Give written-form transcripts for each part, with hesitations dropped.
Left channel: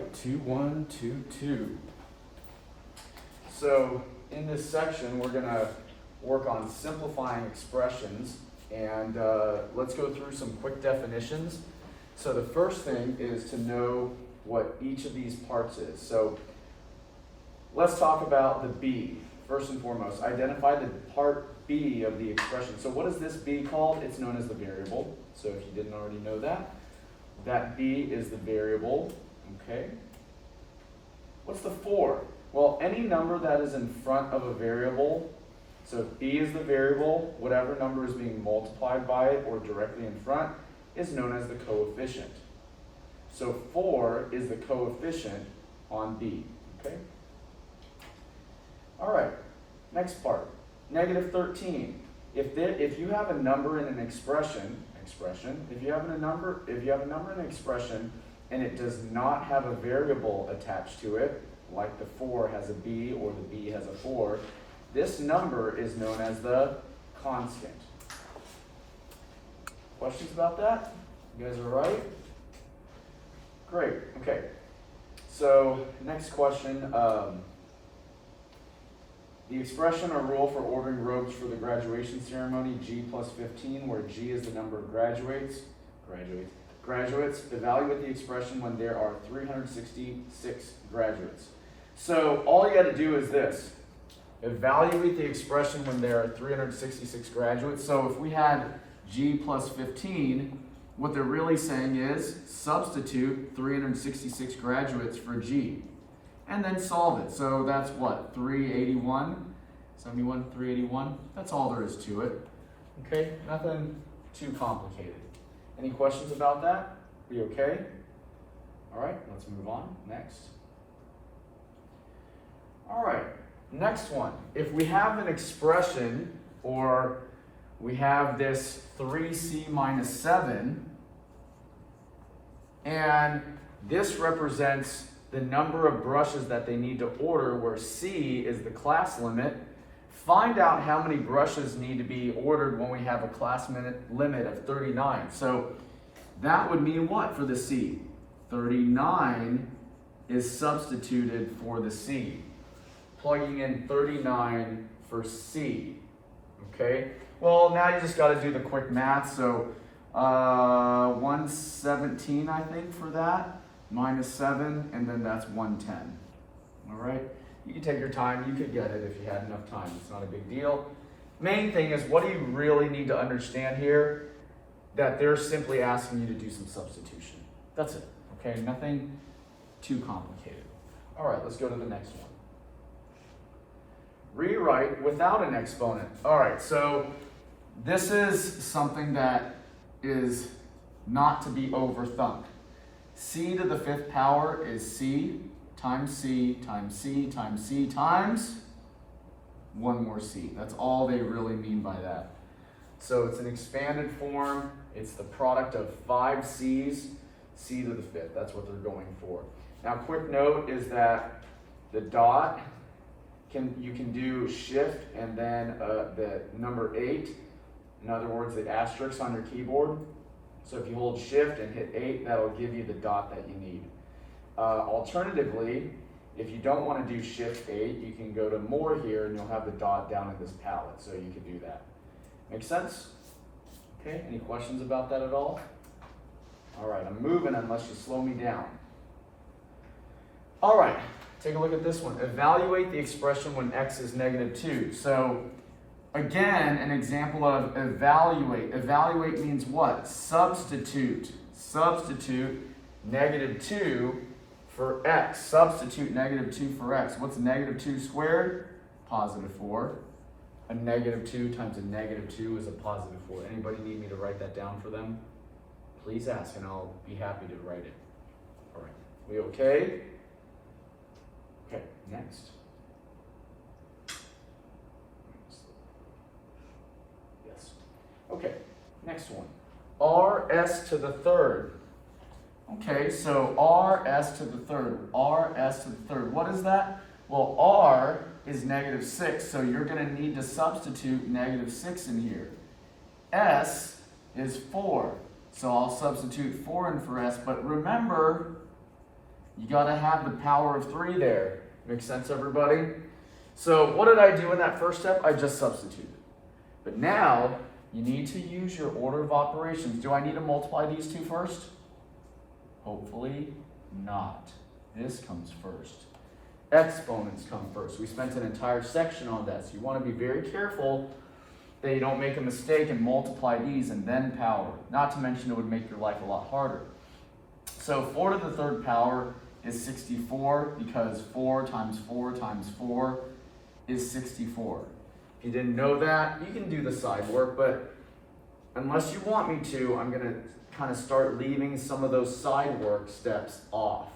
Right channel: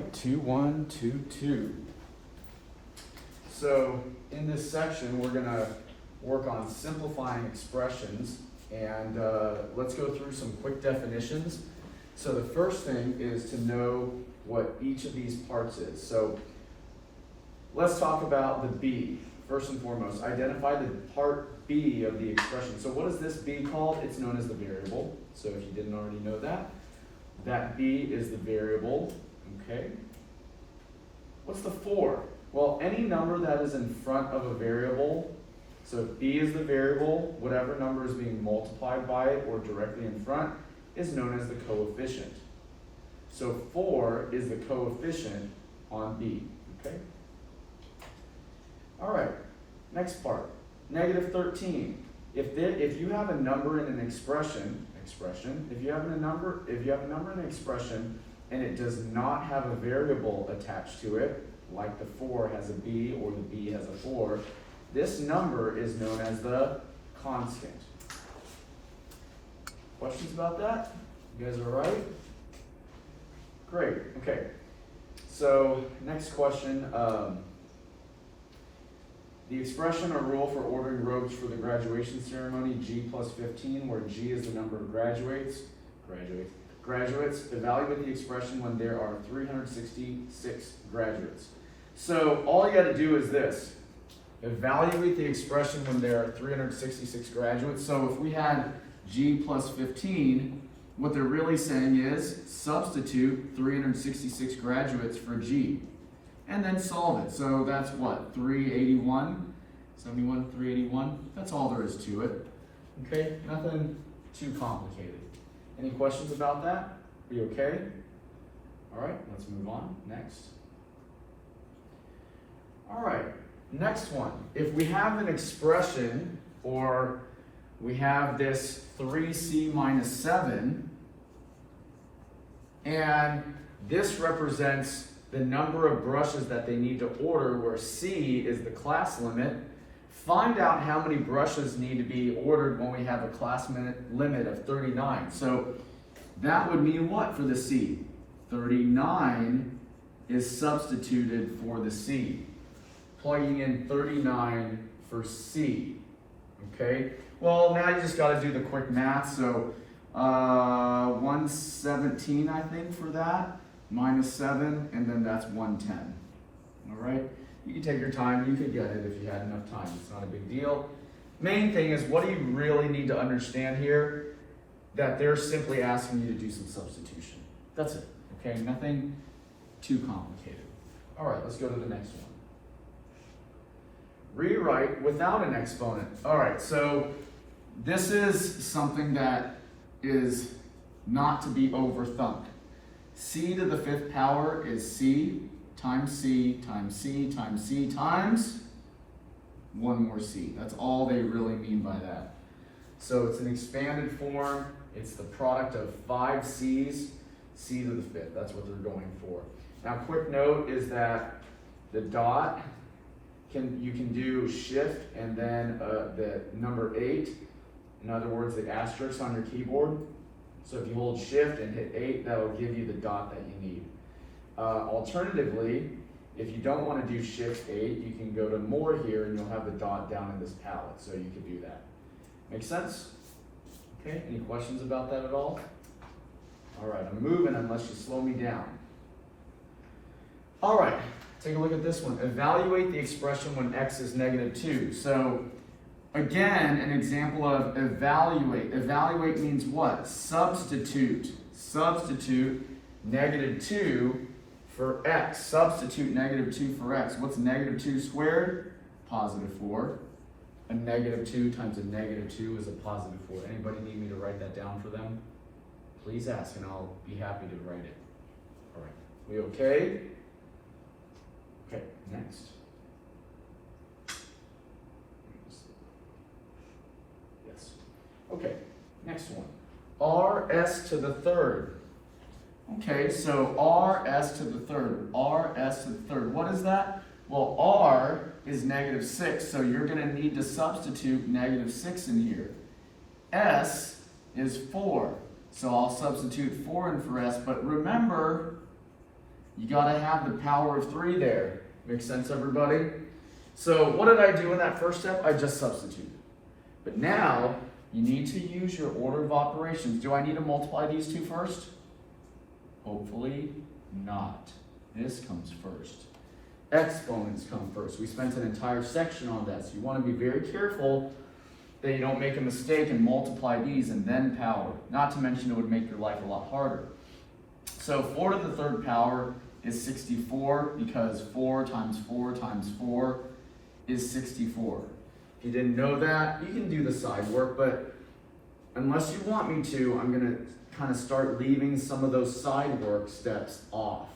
right, 2, 1, 2, 2. So in this section, we're going to work on simplifying expressions, and let's go through some quick definitions. So the first thing is to know what each of these parts is. So let's talk about the b. First and foremost, identify the part b of the expression. So what is this b called? It's known as the variable. So if you didn't already know that, that b is the variable. Okay. What's the 4? Well, any number that is in front of a variable, so if b is the variable, whatever number is being multiplied by it or directly in front is known as the coefficient. So 4 is the coefficient on b. Okay. All right, next part, negative 13. If you have a number in an expression, if you have a number in an expression and it does not have a variable attached to it, like the 4 has a b or the b has a 4, this number is known as the constant. Questions about that? You guys are right? Great, okay. So next question. The expression or rule for ordering robes for the graduation ceremony, G plus 15, where G is the number of graduates, evaluate the expression when there are 366 graduates. So all you got to do is this, evaluate the expression when there are 366 graduates. So if we had G plus 15, what they're really saying is substitute 366 graduates for G. And then solve it. So that's what? 381? 71, 381? That's all there is to it. Okay? Nothing too complicated. Any questions about that? Are you okay? All right, let's move on. Next. All right, next one. If we have an expression, or we have this 3c minus 7, and this represents the number of brushes that they need to order, where C is the class limit. Find out how many brushes need to be ordered when we have a class limit of 39. So that would mean what for the C? 39 is substituted for the C. Plugging in 39 for C. Okay? Well, now you just got to do the quick math. So 117, I think, for that. Minus 7, and then that's 110. All right? You can take your time. You could get it if you had enough time. It's not a big deal. Main thing is, what do you really need to understand here? That they're simply asking you to do some substitution. That's it. Okay? Nothing too complicated. All right, let's go to the next one. Rewrite without an exponent. All right, so this is something that is not to be overthunk. C to the 5th power is C times C times C times C times one more C. That's all they really mean by that. So it's an expanded form. It's the product of 5 C's, C to the 5th. That's what they're going for. Now, quick note is that the dot, you can do shift and then the number 8. In other words, the asterisk on your keyboard. So if you hold shift and hit 8, that'll give you the dot that you need. Alternatively, if you don't want to do shift 8, you can go to more here and you'll have the dot down in this palette. So you could do that. Make sense? Okay, any questions about that at all? All right, I'm moving unless you slow me down. All right, take a look at this one. Evaluate the expression when x is negative 2. So again, an example of evaluate. Evaluate means what? Substitute. Substitute negative 2 for x. Substitute negative 2 for x. What's negative 2 squared? Positive 4. A negative 2 times a negative 2 is a positive 4. Anybody need me to write that down for them? Please ask and I'll be happy to write it. All right. We okay? Okay, next. Okay, next one. RS to the 3rd. Okay, so RS to the 3rd. RS to the 3rd. What is that? Well, R is negative 6, so you're going to need to substitute negative 6 in here. S is 4, so I'll substitute 4 in for S, but remember, You gotta have the power of 3 there. Make sense, everybody? So what did I do in that first step? I just substituted. But now, you need to use your order of operations. Do I need to multiply these two first? Hopefully not. This comes first. Exponents come first. We spent an entire section on that, so you want to be very careful that you don't make a mistake and multiply these and then power. Not to mention it would make your life a lot harder. So 4 to the 3rd power is 64 because 4 times 4 times 4 is 64. If you didn't know that, you can do the side work, but unless you want me to, I'm going to kind of start leaving some of those side work steps off.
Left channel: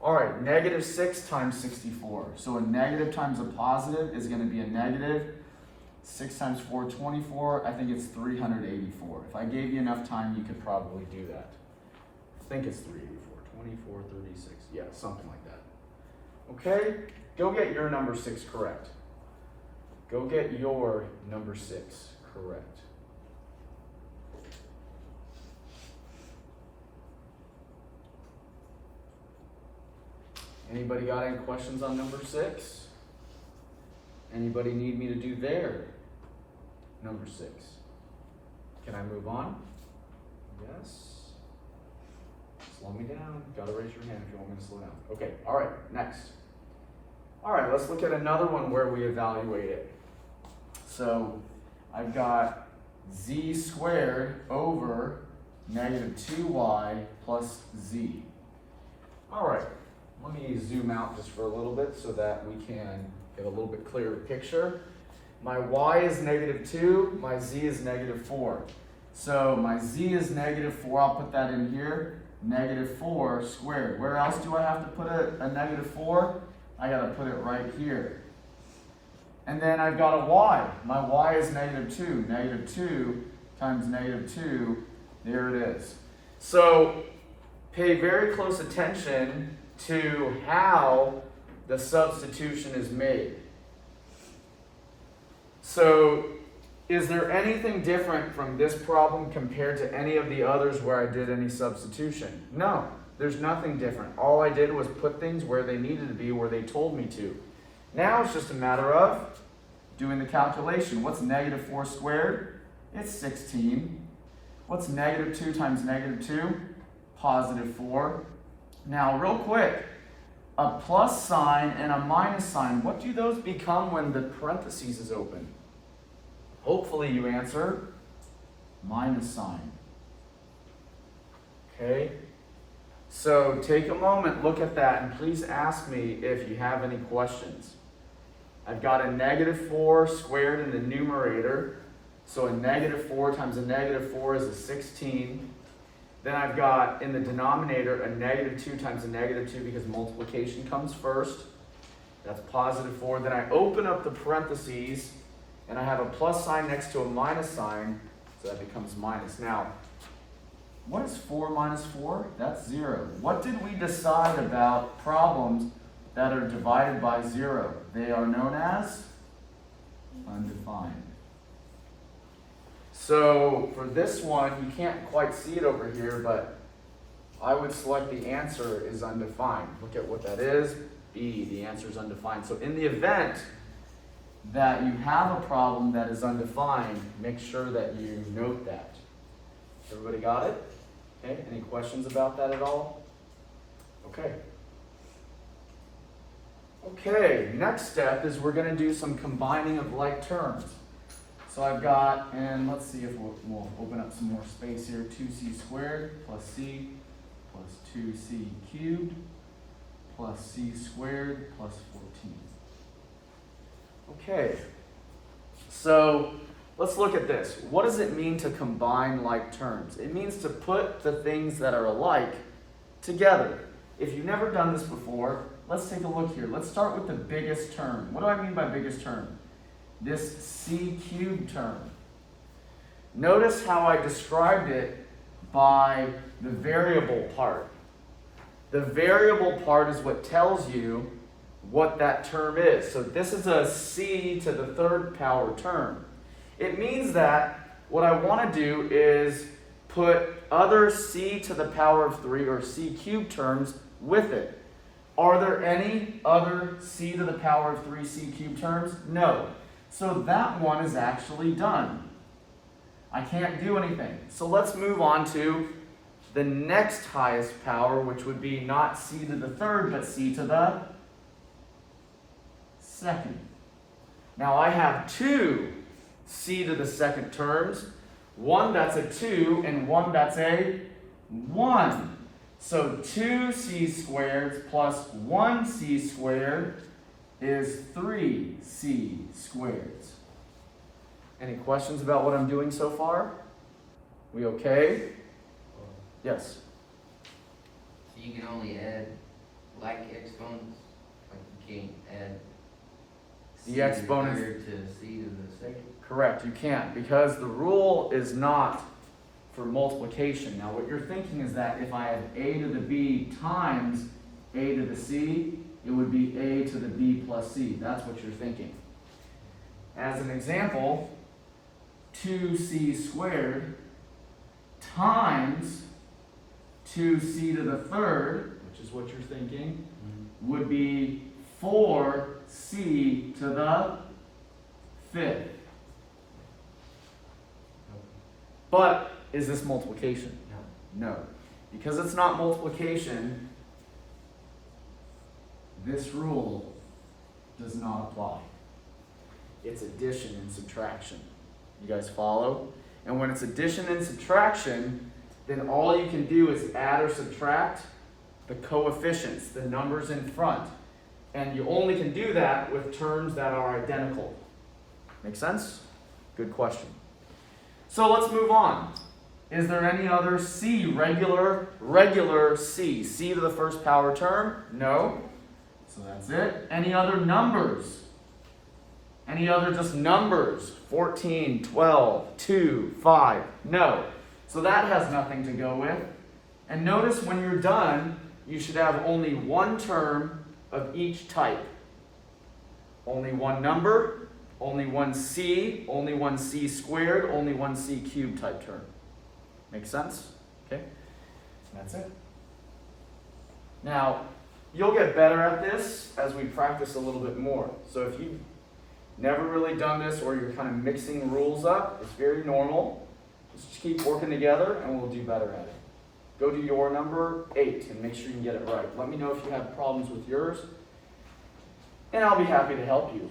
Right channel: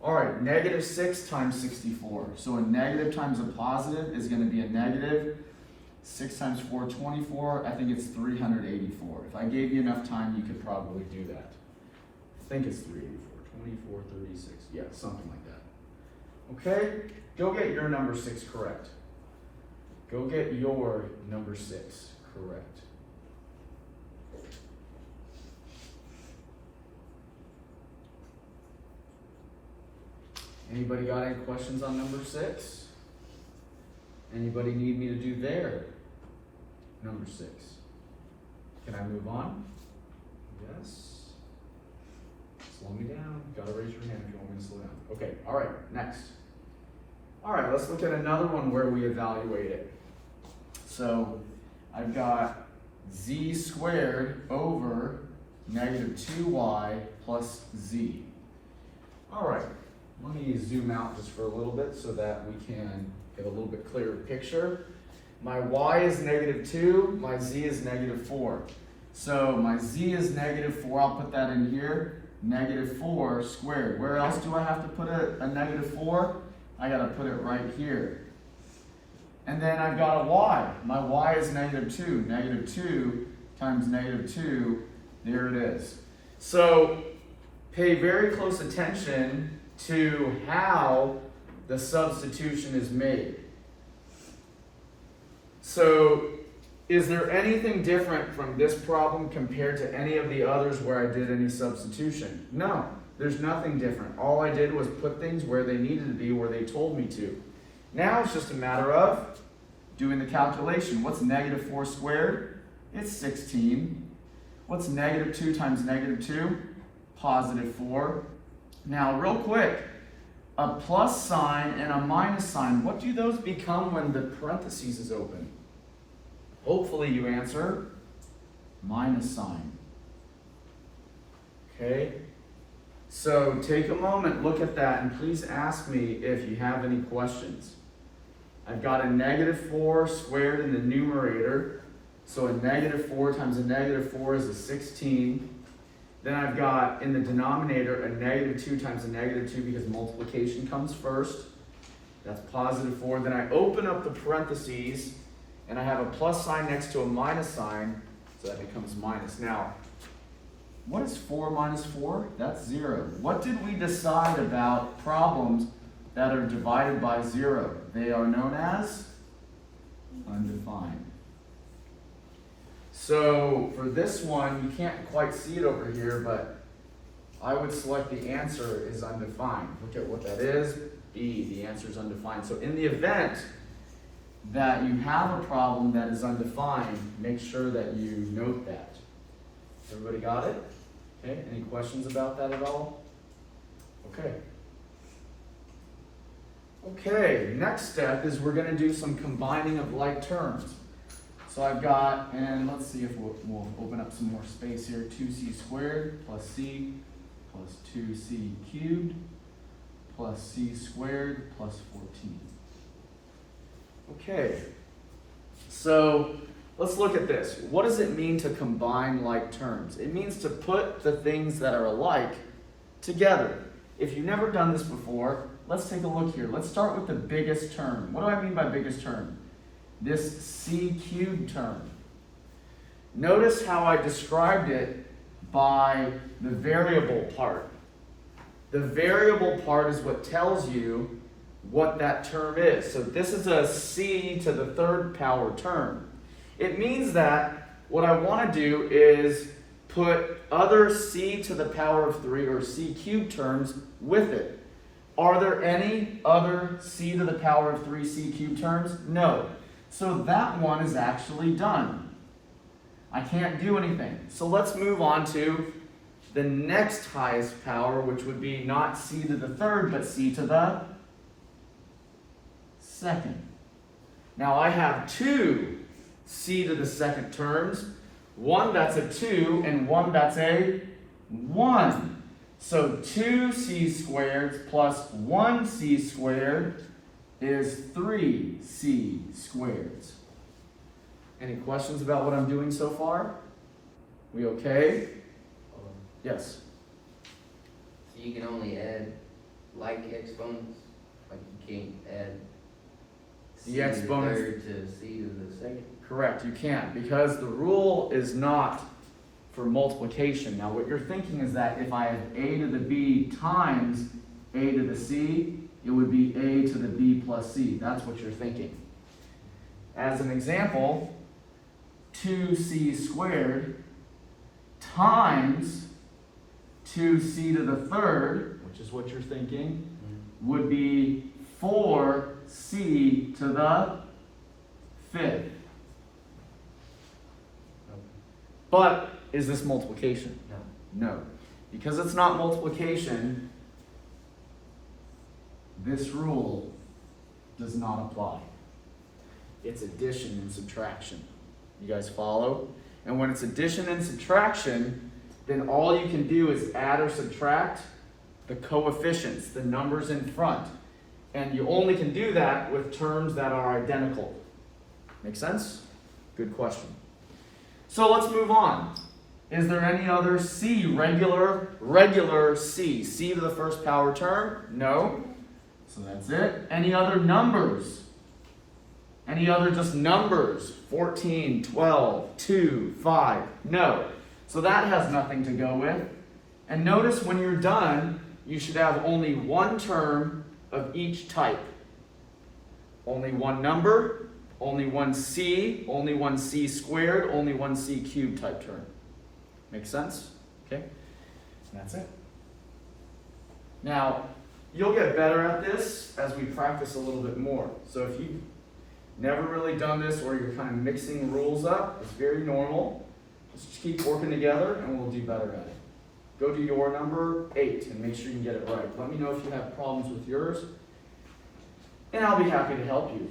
All right, negative 6 times 64. So a negative times a positive is going to be a negative. 6 times 4, 24. I think it's 384. If I gave you enough time, you could probably do that. I think it's 384. 24, 36. Yeah, something like that. Okay? Go get your number 6 correct. Go get your number 6 correct. Anybody got any questions on number 6? Anybody need me to do their number 6? Can I move on? Yes. Slow me down. Gotta raise your hand if you want me to slow down. Okay, all right, next. All right, let's look at another one where we evaluate it. So I've got z squared over negative 2y plus z. All right, let me zoom out just for a little bit so that we can get a little bit clearer picture. My y is negative 2, my z is negative 4. So my z is negative 4, I'll put that in here, negative 4 squared. Where else do I have to put a negative 4? I gotta put it right here. And then I've got a y. My y is negative 2. Negative 2 times negative 2, there it is. So pay very close attention to how the substitution is made. So is there anything different from this problem compared to any of the others where I did any substitution? No, there's nothing different. All I did was put things where they needed to be, where they told me to. Now it's just a matter of doing the calculation. What's negative 4 squared? It's 16. What's negative 2 times negative 2? Positive 4. Now, real quick, a plus sign and a minus sign, what do those become when the parentheses is open? Hopefully you answer minus sign. Okay? So take a moment, look at that, and please ask me if you have any questions. I've got a negative 4 squared in the numerator, so a negative 4 times a negative 4 is a 16. Then I've got in the denominator a negative 2 times a negative 2 because multiplication comes first. That's positive 4. Then I open up the parentheses and I have a plus sign next to a minus sign, so that becomes minus. Now, what is 4 minus 4? That's 0. What did we decide about problems that are divided by 0? They are known as undefined. So for this one, you can't quite see it over here, but I would select the answer is undefined. Look at what that is. E, the answer is undefined. So in the event that you have a problem that is undefined, make sure that you note that. Everybody got it? Okay, any questions about that at all? Okay. Okay, next step is we're going to do some combining of like terms. So I've got, and let's see if we'll open up some more space here, 2c squared plus c plus 2c cubed plus c squared plus 14. Okay, so let's look at this. What does it mean to combine like terms? It means to put the things that are alike together. If you've never done this before, let's take a look here. Let's start with the biggest term. What do I mean by biggest term? This c cubed term. Notice how I described it by the variable part. The variable part is what tells you what that term is. So this is a c to the 3rd power term. It means that what I want to do is put other c to the power of 3 or c cubed terms with it. Are there any other c to the power of 3 c cubed terms? No. So that one is actually done. I can't do anything. So let's move on to the next highest power, which would be not c to the third, but c to the second. Now I have two c to the second terms, one that's a 2 and one that's a 1. So 2c squared plus 1c squared is 3c squared. Any questions about what I'm doing so far? We okay? Yes? So you can only add like exponents? Like you can't add c The to the exponents. third to c to the second? Correct, you can't, because the rule is not for multiplication. Now what you're thinking is that if I have a to the b times a to the c, it would be a to the b plus c. That's what you're thinking. As an example, 2c squared times 2c to the third, which is what you're thinking, would be 4c to the fifth. But is this multiplication? No. No. Because it's not multiplication, this rule does not apply. It's addition and subtraction. You guys follow? And when it's addition and subtraction, then all you can do is add or subtract the coefficients, the numbers in front. And you only can do that with terms that are identical. Make sense? Good question. So let's move on. Is there any other c, regular c? C to the first power term? No. So that's it. Any other numbers? Any other just numbers? 14, 12, 2, 5? No. So that has nothing to go with. And notice when you're done, you should have only one term of each type. Only one number, only one c, only one c squared, only one c cubed type term. Make sense? Okay? That's it. Now, you'll get better at this as we practice a little bit more. So if you've never really done this or you're kind of mixing rules up, it's very normal. Just keep working together and we'll do better at it. Go to your number 8 and make sure you can get it right. Let me know if you have problems with yours, and I'll be happy to help you.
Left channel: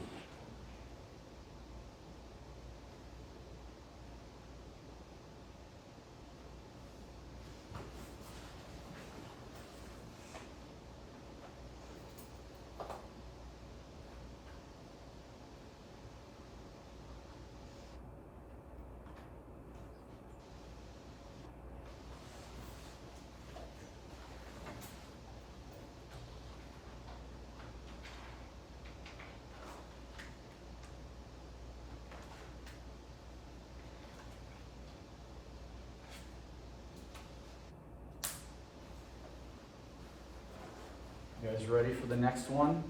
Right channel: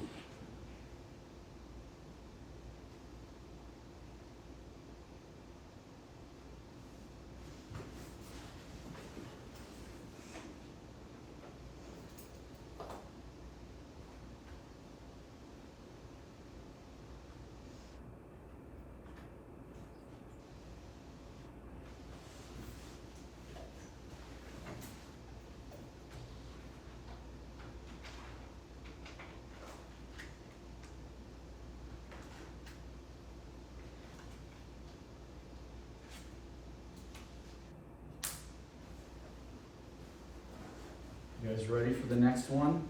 You guys ready for the next one?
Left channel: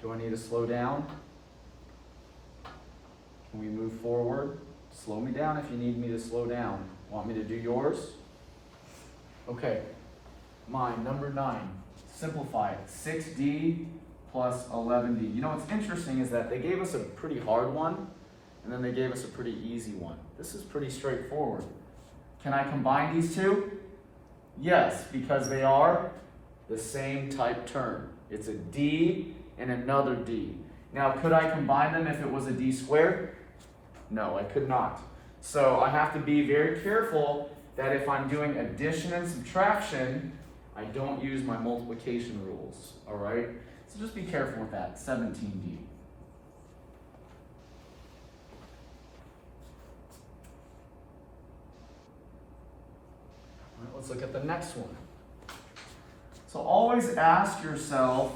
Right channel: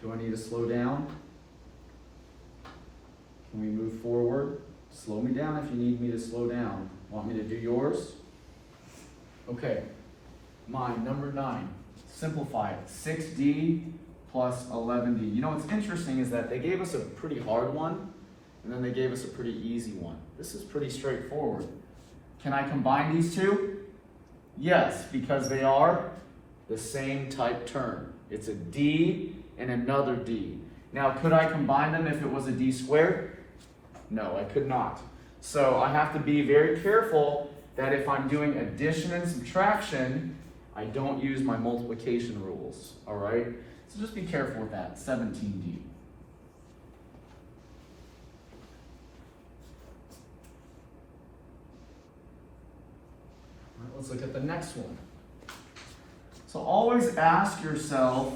Do I need to slow down? Can we move forward? Slow me down if you need me to slow down. Want me to do yours? Okay. Mine, number 9. Simplify it. 6d plus 11d. You know what's interesting is that they gave us a pretty hard one, and then they gave us a pretty easy one. This is pretty straightforward. Can I combine these two? Yes, because they are the same type term. It's a d and another d. Now, could I combine them if it was a d squared? No, I could not. So I have to be very careful that if I'm doing addition and subtraction, I don't use my multiplication rules, all right? So just be careful with that, 17d. All right, let's look at the next one. So always ask yourself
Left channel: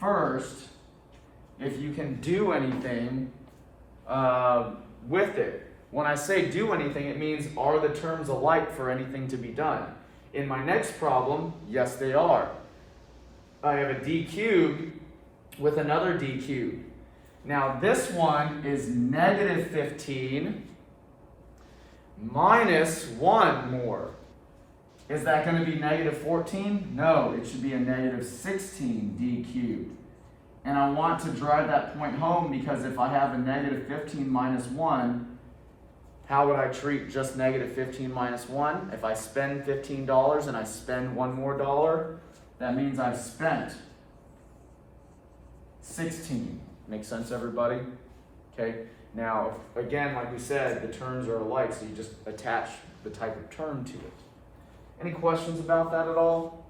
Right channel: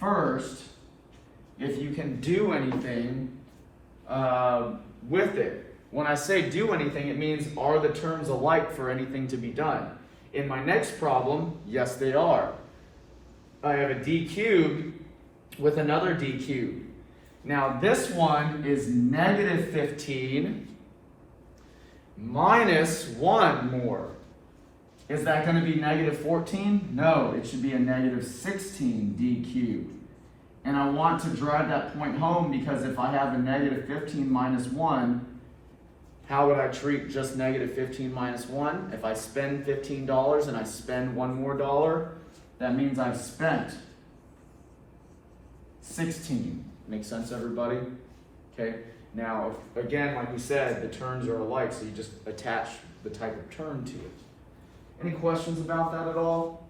first if you can do anything with it. When I say do anything, it means are the terms alike for anything to be done? In my next problem, yes they are. I have a d cubed with another d cubed. Now this one is negative 15 minus 1 more. Is that going to be negative 14? No, it should be a negative 16 d cubed. And I want to drive that point home because if I have a negative 15 minus 1, how would I treat just negative 15 minus 1? If I spend $15 and I spend one more dollar, that means I've spent 16. Make sense, everybody? Okay. Now, again, like we said, the terms are alike, so you just attach the type of term to it. Any questions about that at all?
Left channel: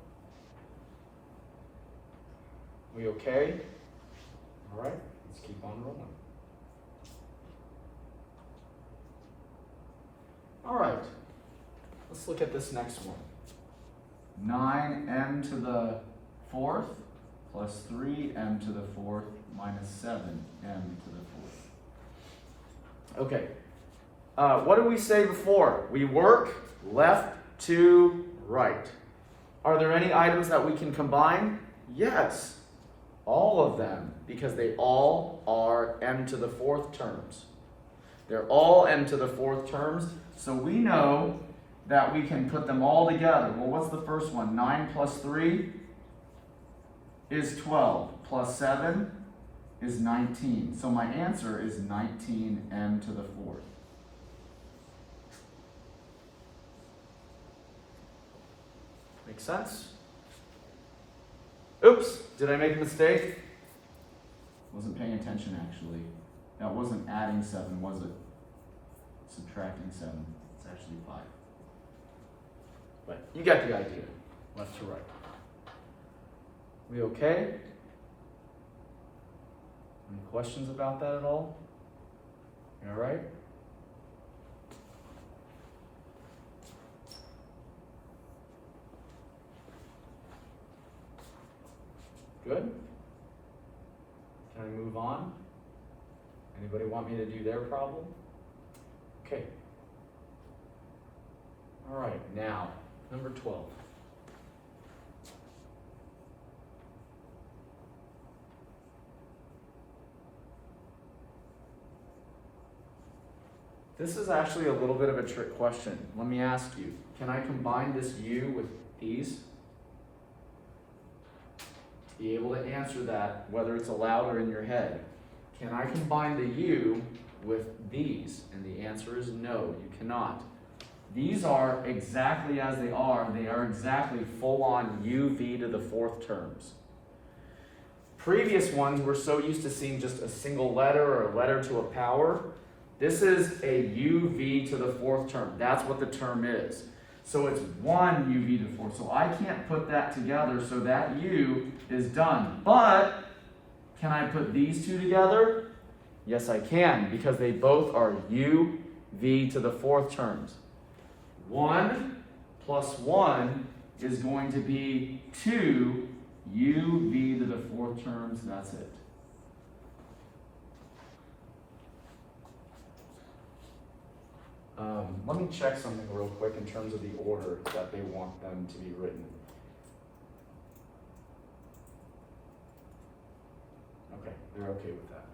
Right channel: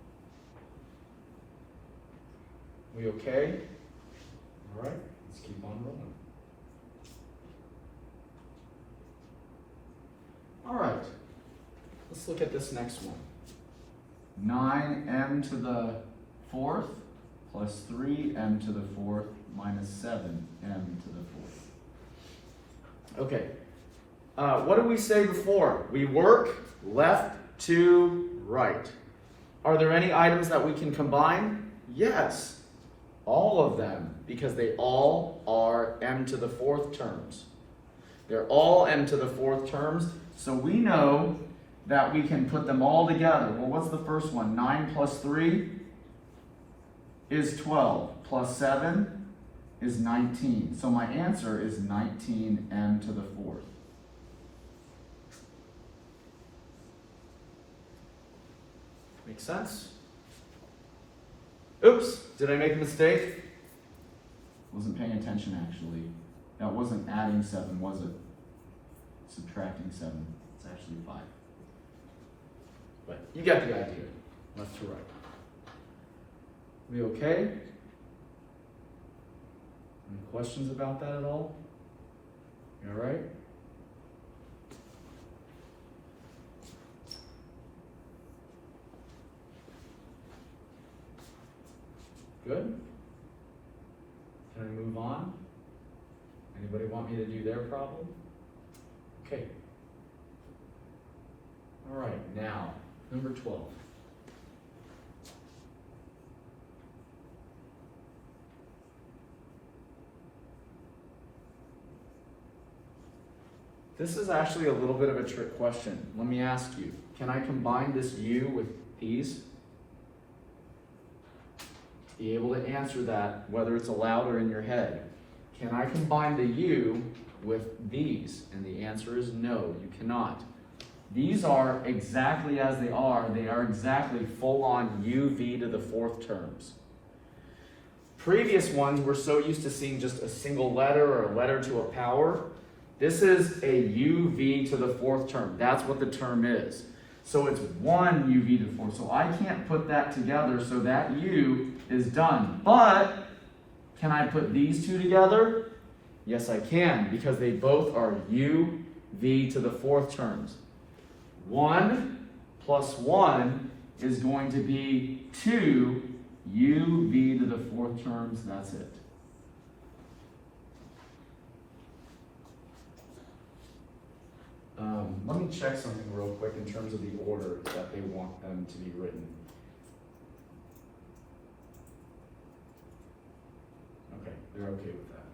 We okay? All right, let's keep on rolling. All right, let's look at this next one. 9m to the 4th plus 3m to the 4th minus 7m to the 4th. Okay, what did we say before? We work left to right. Are there any items that we can combine? Yes, all of them, because they all are m to the 4th terms. They're all m to the 4th terms, so we know that we can put them all together. Well, what's the first one? 9 plus 3 is 12, plus 7 is 19. So my answer is 19m to the 4th. Make sense? Oops, did I make a mistake? Wasn't paying attention actually. That wasn't adding 7, was it? Subtracting 7. It's actually 5. But you get the idea. Left to right. We okay? Any questions about that at all? You all right? Good? Can I move on? Anybody want me to do their problem? Okay. All right, now, number 12. This is actually a little bit of a trick question. Let me ask you, can I combine this u with these? To be able to answer that, whether it's aloud or in your head, can I combine the u with these? And the answer is no, you cannot. These are exactly as they are. They are exactly full-on uv to the 4th terms. Previous ones, we're so used to seeing just a single letter or a letter to a power. This is a uv to the 4th term. That's what the term is. So it's 1 uv to the 4th. So I can't put that together, so that u is done. But can I put these two together? Yes, I can, because they both are uv to the 4th terms. 1 plus 1 is going to be 2 uv to the 4th terms. That's it. Let me check something real quick in terms of the order that they want them to be written. Okay, you're okay with that.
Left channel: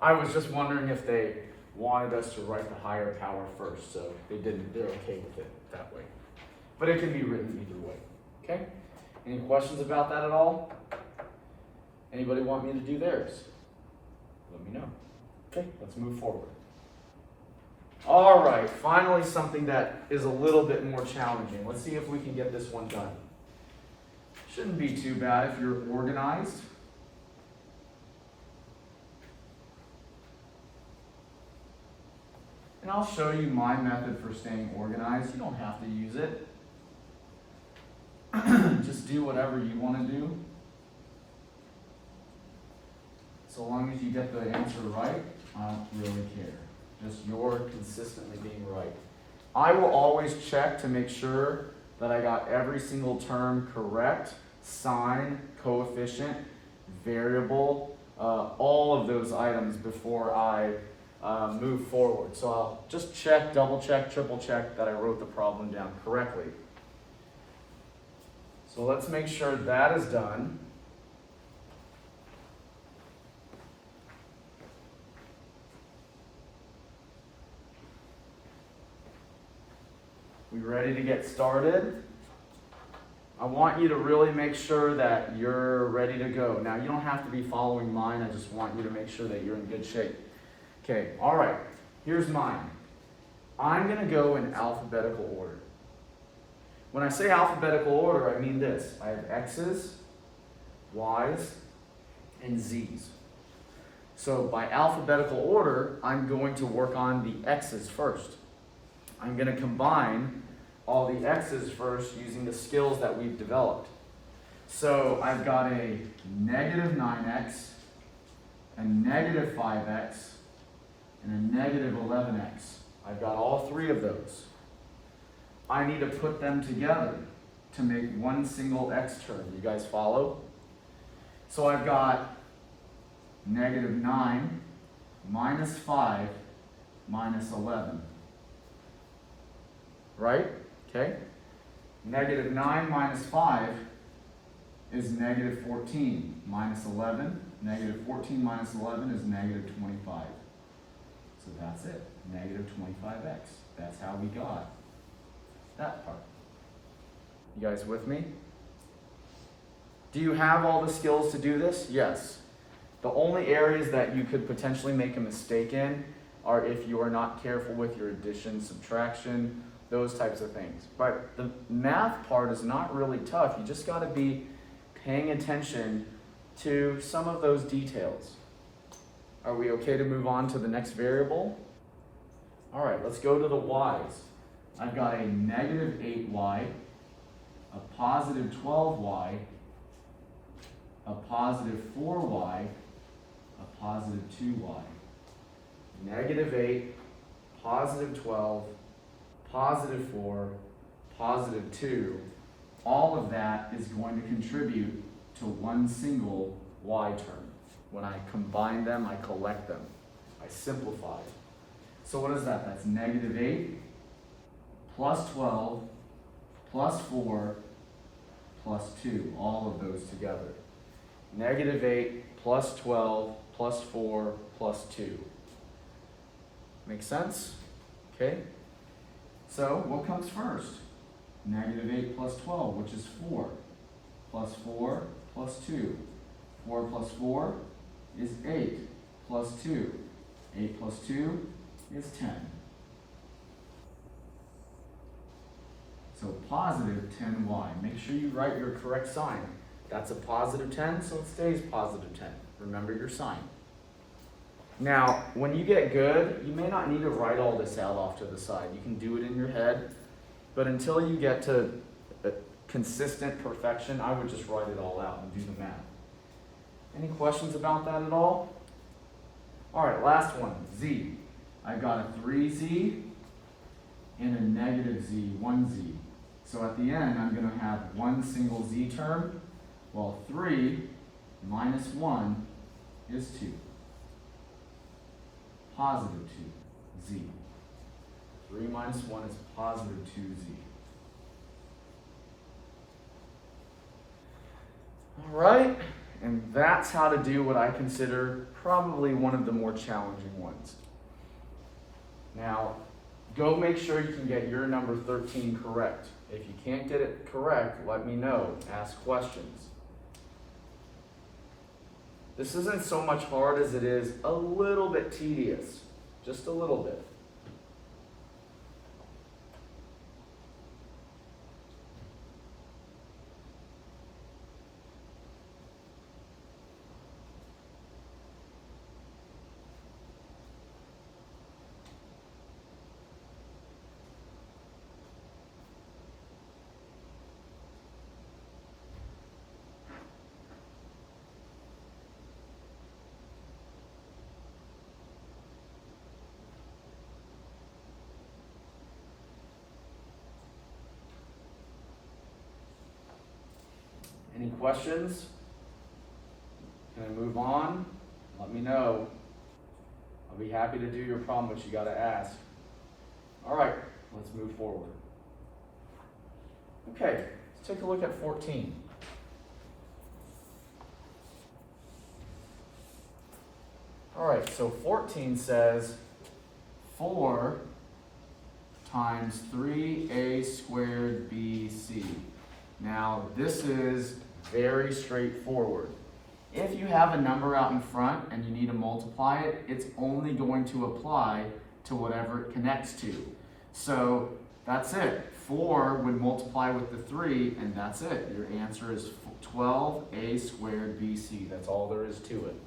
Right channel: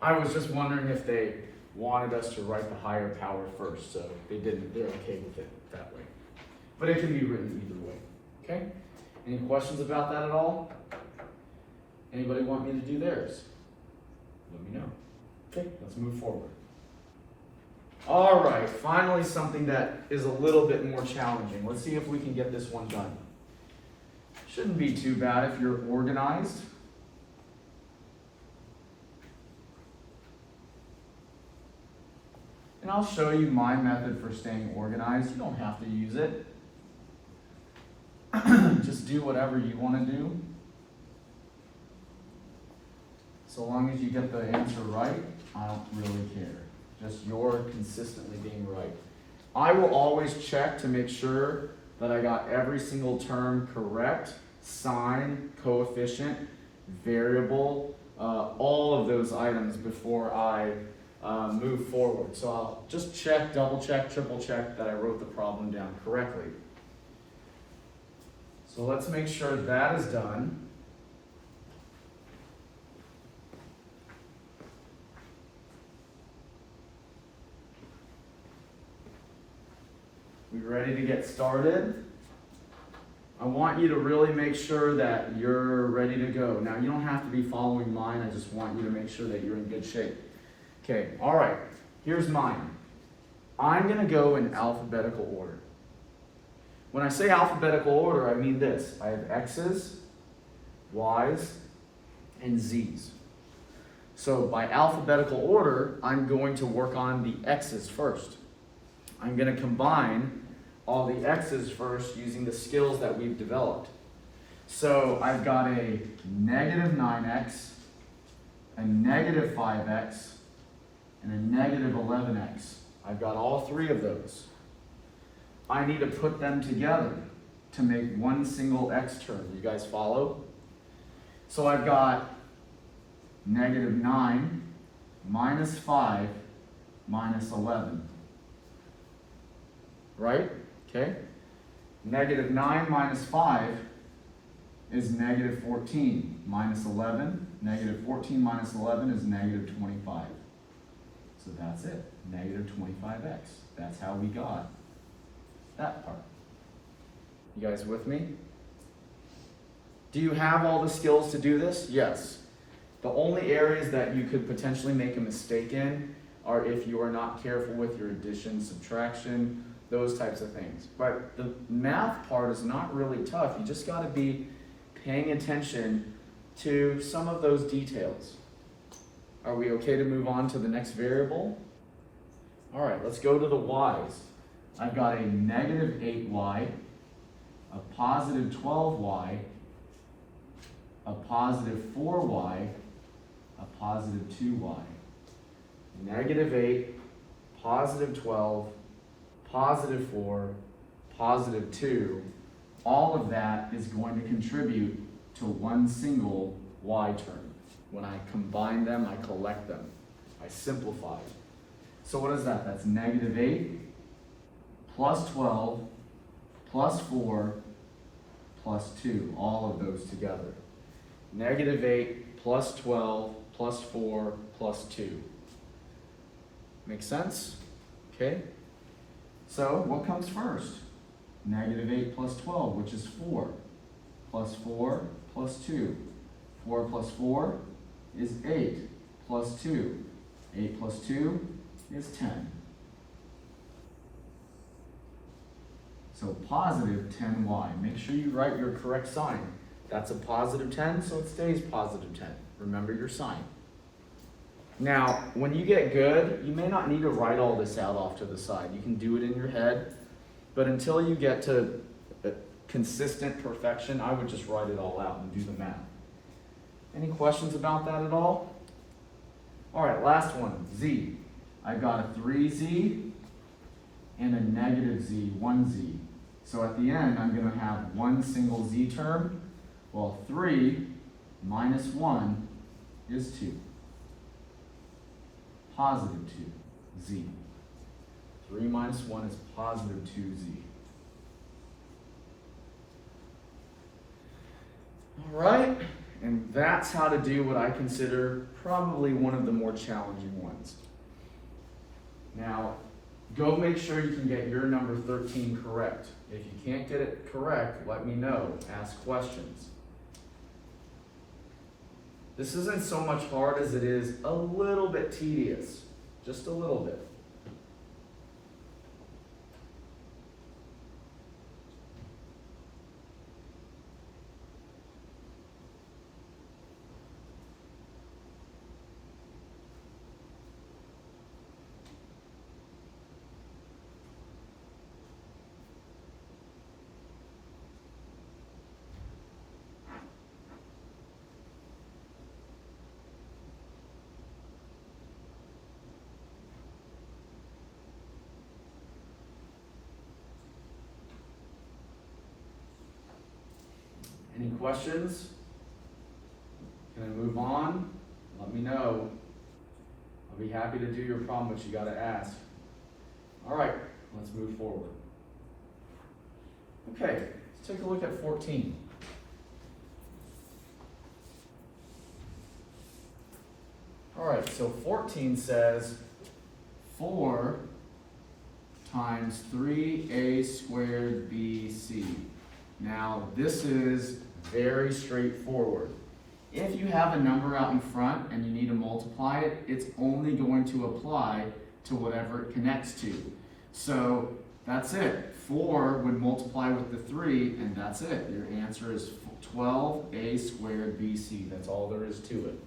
I was just wondering if they wanted us to write the higher power first, so they didn't. They're okay with it that way. But it can be written either way. Okay? Any questions about that at all? Anybody want me to do theirs? Let me know. Okay, let's move forward. All right, finally something that is a little bit more challenging. Let's see if we can get this one done. Shouldn't be too bad if you're organized. And I'll show you my method for staying organized. You don't have to use it. Just do whatever you want to do. So long as you get the answer right, I don't really care. Just you're consistently being right. I will always check to make sure that I got every single term correct. Sign, coefficient, variable, all of those items before I move forward. So I'll just check, double check, triple check that I wrote the problem down correctly. So let's make sure that is done. Ready to get started? I want you to really make sure that you're ready to go. Now, you don't have to be following mine. I just want you to make sure that you're in good shape. Okay, all right. Here's mine. I'm going to go in alphabetical order. When I say alphabetical order, I mean this. I have X's, Y's, and Z's. So by alphabetical order, I'm going to work on the X's first. I'm going to combine all the X's first using the skills that we've developed. So I've got a negative 9x, a negative 5x, and a negative 11x. I've got all three of those. I need to put them together to make one single x term. You guys follow? So I've got negative 9 minus 5 minus 11. Right? Okay? Negative 9 minus 5 is negative 14 minus 11. Negative 14 minus 11 is negative 25. So that's it. Negative 25x. That's how we got that part. You guys with me? Do you have all the skills to do this? Yes. The only areas that you could potentially make a mistake in are if you are not careful with your addition, subtraction, those types of things. But the math part is not really tough. You just got to be paying attention to some of those details. Are we okay to move on to the next variable? All right, let's go to the y's. I've got a negative 8y, a positive 12y, a positive 4y, a positive 2y. Negative 8, positive 12, positive 4, positive 2. All of that is going to contribute to one single y term. When I combine them, I collect them. I simplify. So what is that? That's negative 8 plus 12 plus 4 plus 2. All of those together. Negative 8 plus 12 plus 4 plus 2. Make sense? Okay. So what comes first? Negative 8 plus 12, which is 4. Plus 4 plus 2. 4 plus 4 is 8 plus 2. 8 plus 2 is 10. So positive 10y. Make sure you write your correct sign. That's a positive 10, so it stays positive 10. Remember your sign. Now, when you get good, you may not need to write all this out off to the side. You can do it in your head, but until you get to consistent perfection, I would just write it all out and do the math. Any questions about that at all? All right, last one, z. I've got a 3z and a negative z, 1z. So at the end, I'm going to have one single z term. Well, 3 minus 1 is 2. Positive 2, z. 3 minus 1 is positive 2z. All right, and that's how to do what I consider probably one of the more challenging ones. Now, go make sure you can get your number 13 correct. If you can't get it correct, let me know. Ask questions. This isn't so much hard as it is a little bit tedious. Just a little bit. Any questions? Can I move on? Let me know. I'll be happy to do your problem, but you got to ask. All right, let's move forward. Okay, let's take a look at 14. All right, so 14 says 4 times 3a squared bc. Now, this is very straightforward. If you have a number out in front and you need to multiply it, it's only going to apply to whatever it connects to. So that's it. 4 would multiply with the 3, and that's it. Your answer is 12a squared bc. That's all there is to it.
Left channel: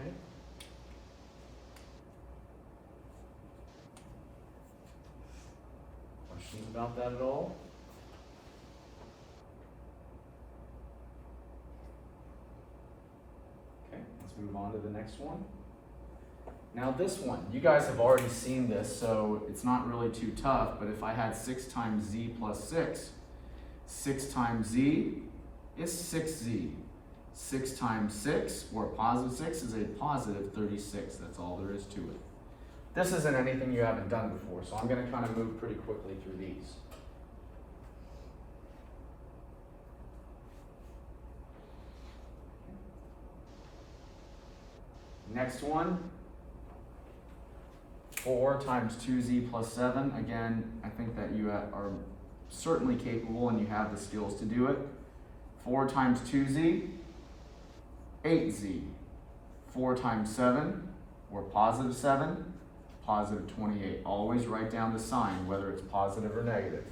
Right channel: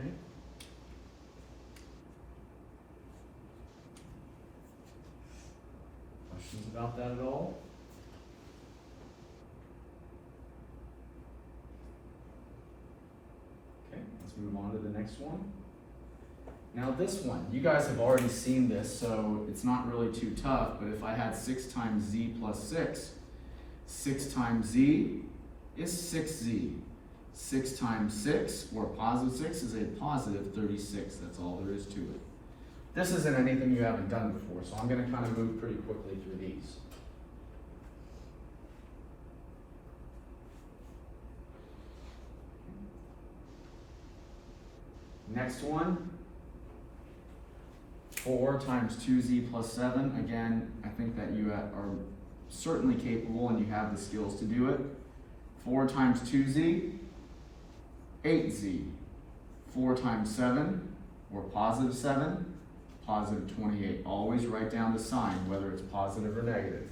Okay. Questions about that at all? Okay, let's move on to the next one. Now this one, you guys have already seen this, so it's not really too tough, but if I had 6 times z plus 6, 6 times z is 6z. 6 times 6, or positive 6, is a positive 36. That's all there is to it. This isn't anything you haven't done before, so I'm going to kind of move pretty quickly through these. Next one, 4 times 2z plus 7. Again, I think that you are certainly capable and you have the skills to do it. 4 times 2z, 8z. 4 times 7, or positive 7, positive 28. Always write down the sign, whether it's positive or negative.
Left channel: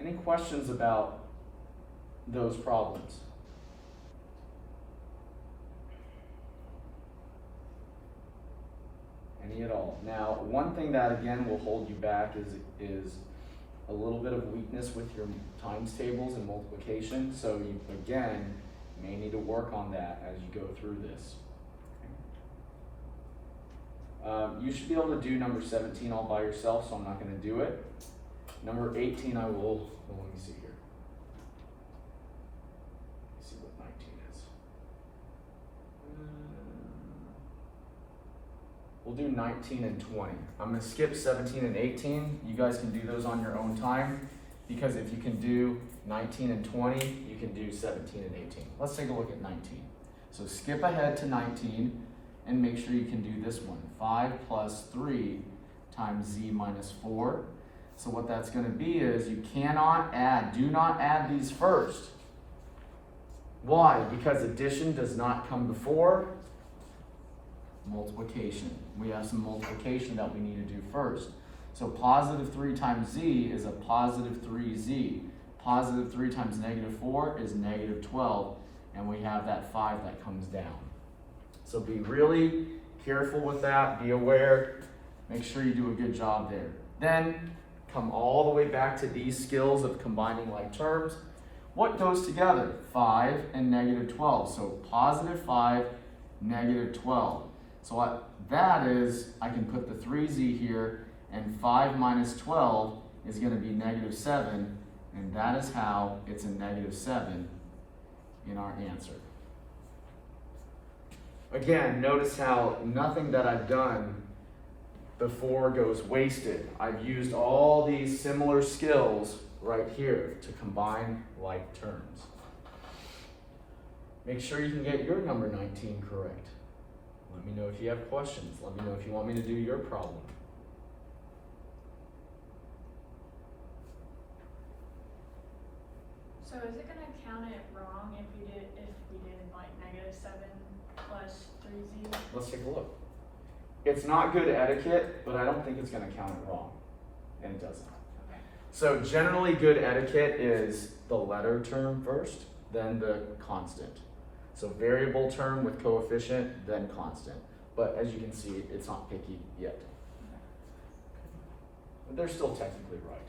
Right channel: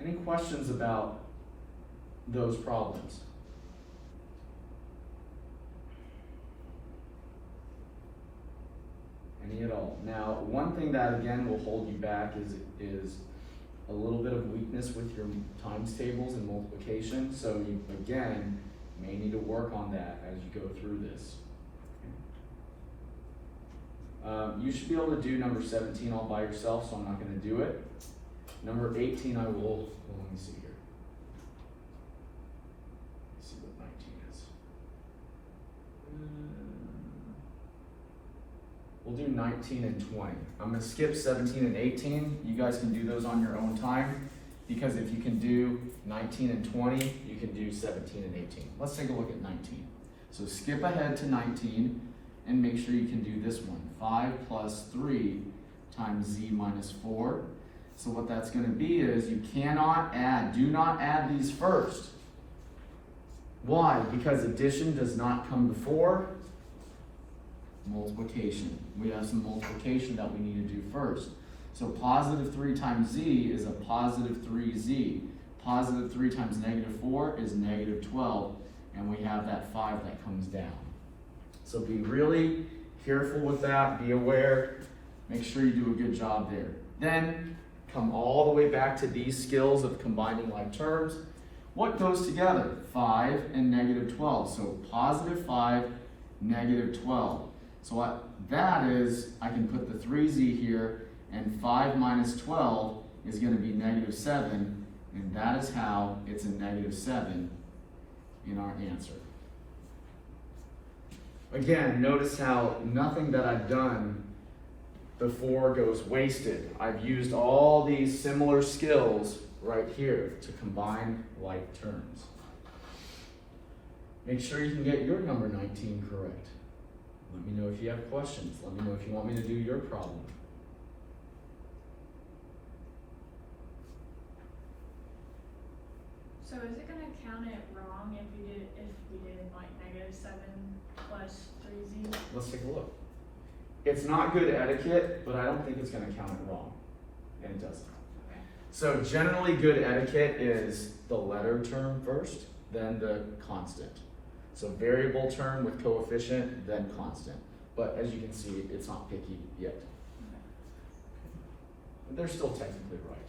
Any questions about those problems? Any at all? Now, one thing that again will hold you back is a little bit of weakness with your times tables and multiplication. So you, again, may need to work on that as you go through this. You should be able to do number 17 all by yourself, so I'm not going to do it. Number 18 I will, well, let me see here. Let's see what 19 is. We'll do 19 and 20. I'm going to skip 17 and 18. You guys can do those on your own time, because if you can do 19 and 20, you can do 17 and 18. Let's take a look at 19. So skip ahead to 19 and make sure you can do this one. 5 plus 3 times z minus 4. So what that's going to be is you cannot add, do not add these first. Why? Because addition does not come before multiplication. We have some multiplication that we need to do first. So positive 3 times z is a positive 3z. Positive 3 times negative 4 is negative 12. And we have that 5 that comes down. So be really careful with that. Be aware. Make sure you do a good job there. Then come all the way back to these skills of combining like terms. What goes together? 5 and negative 12. So positive 5, negative 12. So what that is, I can put the 3z here, and 5 minus 12 is going to be negative 7, and that is how it's a negative 7 in our answer. Again, notice how nothing that I've done before goes wasted. I've used all these similar skills right here to combine like terms. Make sure you can get your number 19 correct. Let me know if you have questions. Let me know if you want me to do your problem. So is it gonna count it wrong if you did like negative 7 plus 3z? Let's take a look. It's not good etiquette, but I don't think it's going to count it wrong. And it doesn't. Okay. So generally good etiquette is the letter term first, then the constant. So variable term with coefficient, then constant. But as you can see, it's not picky yet. But they're still technically right.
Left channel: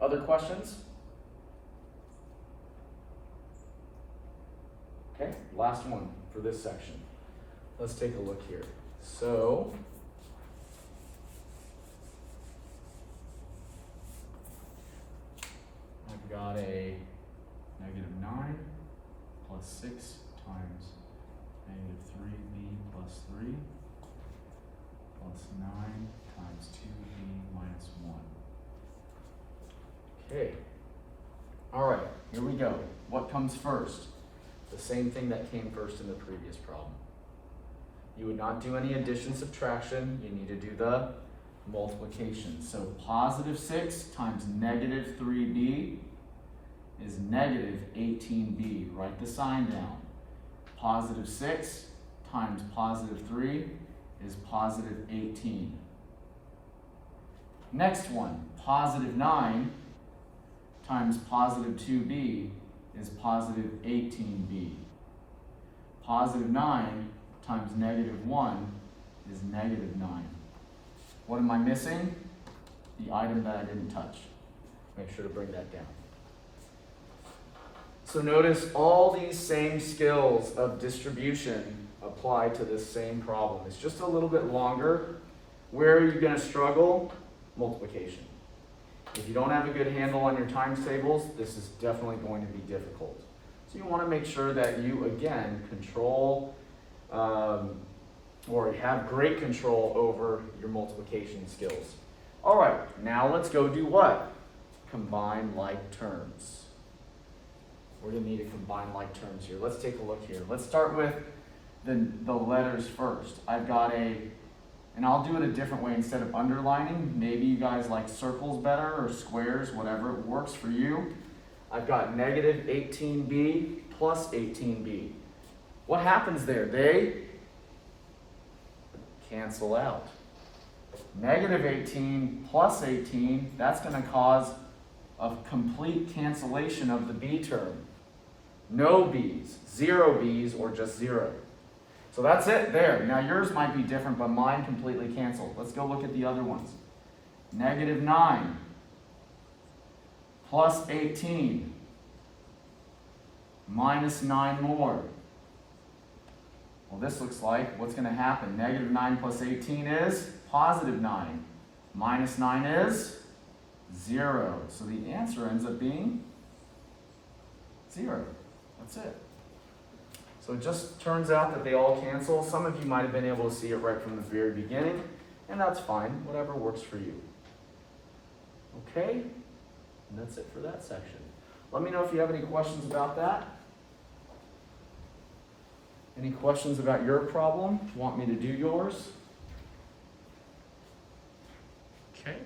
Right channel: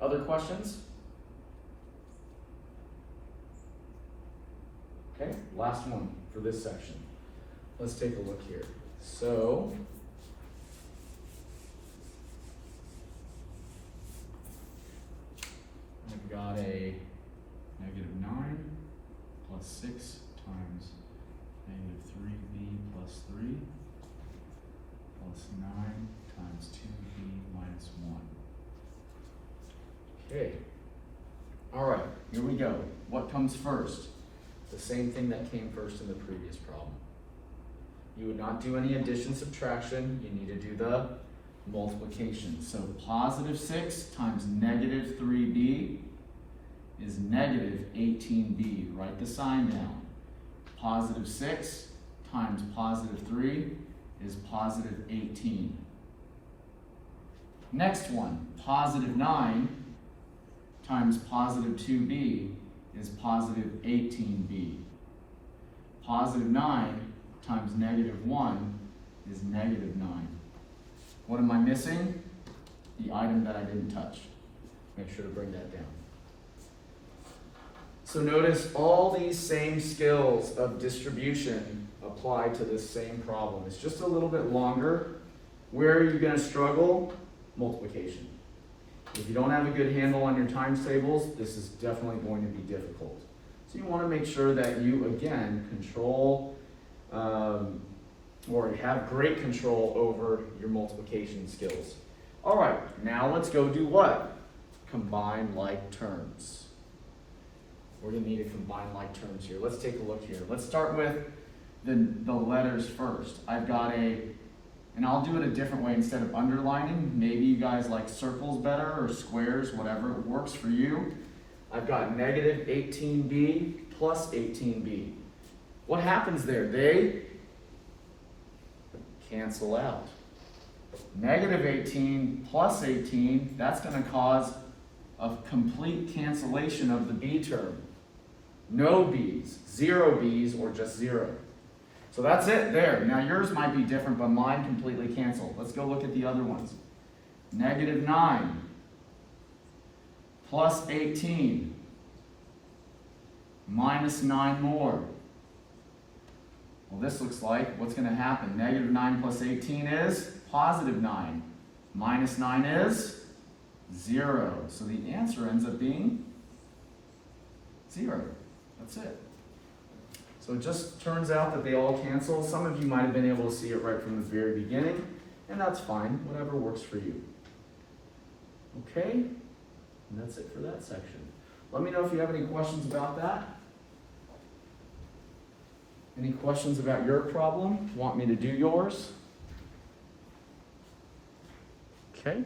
Other questions? Okay, last one for this section. Let's take a look here. So, I've got a negative 9 plus 6 times negative 3b plus 3 plus 9 times 2b minus 1. Okay. All right, here we go. What comes first? The same thing that came first in the previous problem. You would not do any addition, subtraction, you need to do the multiplication. So positive 6 times negative 3b is negative 18b. Write the sign down. Positive 6 times positive 3 is positive 18. Next one, positive 9 times positive 2b is positive 18b. Positive 9 times negative 1 is negative 9. What am I missing? The item that I didn't touch. Make sure to bring that down. So notice all these same skills of distribution apply to this same problem. It's just a little bit longer. Where are you going to struggle? Multiplication. If you don't have a good handle on your times tables, this is definitely going to be difficult. So you want to make sure that you, again, control or have great control over your multiplication skills. All right, now let's go do what? Combine like terms. We're going to need to combine like terms here. Let's take a look here. Let's start with the letters first. I've got and I'll do it a different way instead of underlining. Maybe you guys like circles better or squares, whatever works for you. I've got negative 18b plus 18b. What happens there? They cancel out. Negative 18 plus 18, that's going to cause a complete cancellation of the b term. No b's, 0 b's, or just 0. So that's it there. Now yours might be different, but mine completely canceled. Let's go look at the other ones. Negative 9 plus 18 minus 9 more. Well, this looks like what's going to happen. Negative 9 plus 18 is positive 9. Minus 9 is 0. So the answer ends up being 0. That's it. So it just turns out that they all cancel. Some of you might have been able to see it right from the very beginning, and that's fine. Whatever works for you. Okay? And that's it for that section. Let me know if you have any questions about that. Any questions about your problem? Want me to do yours? Okay.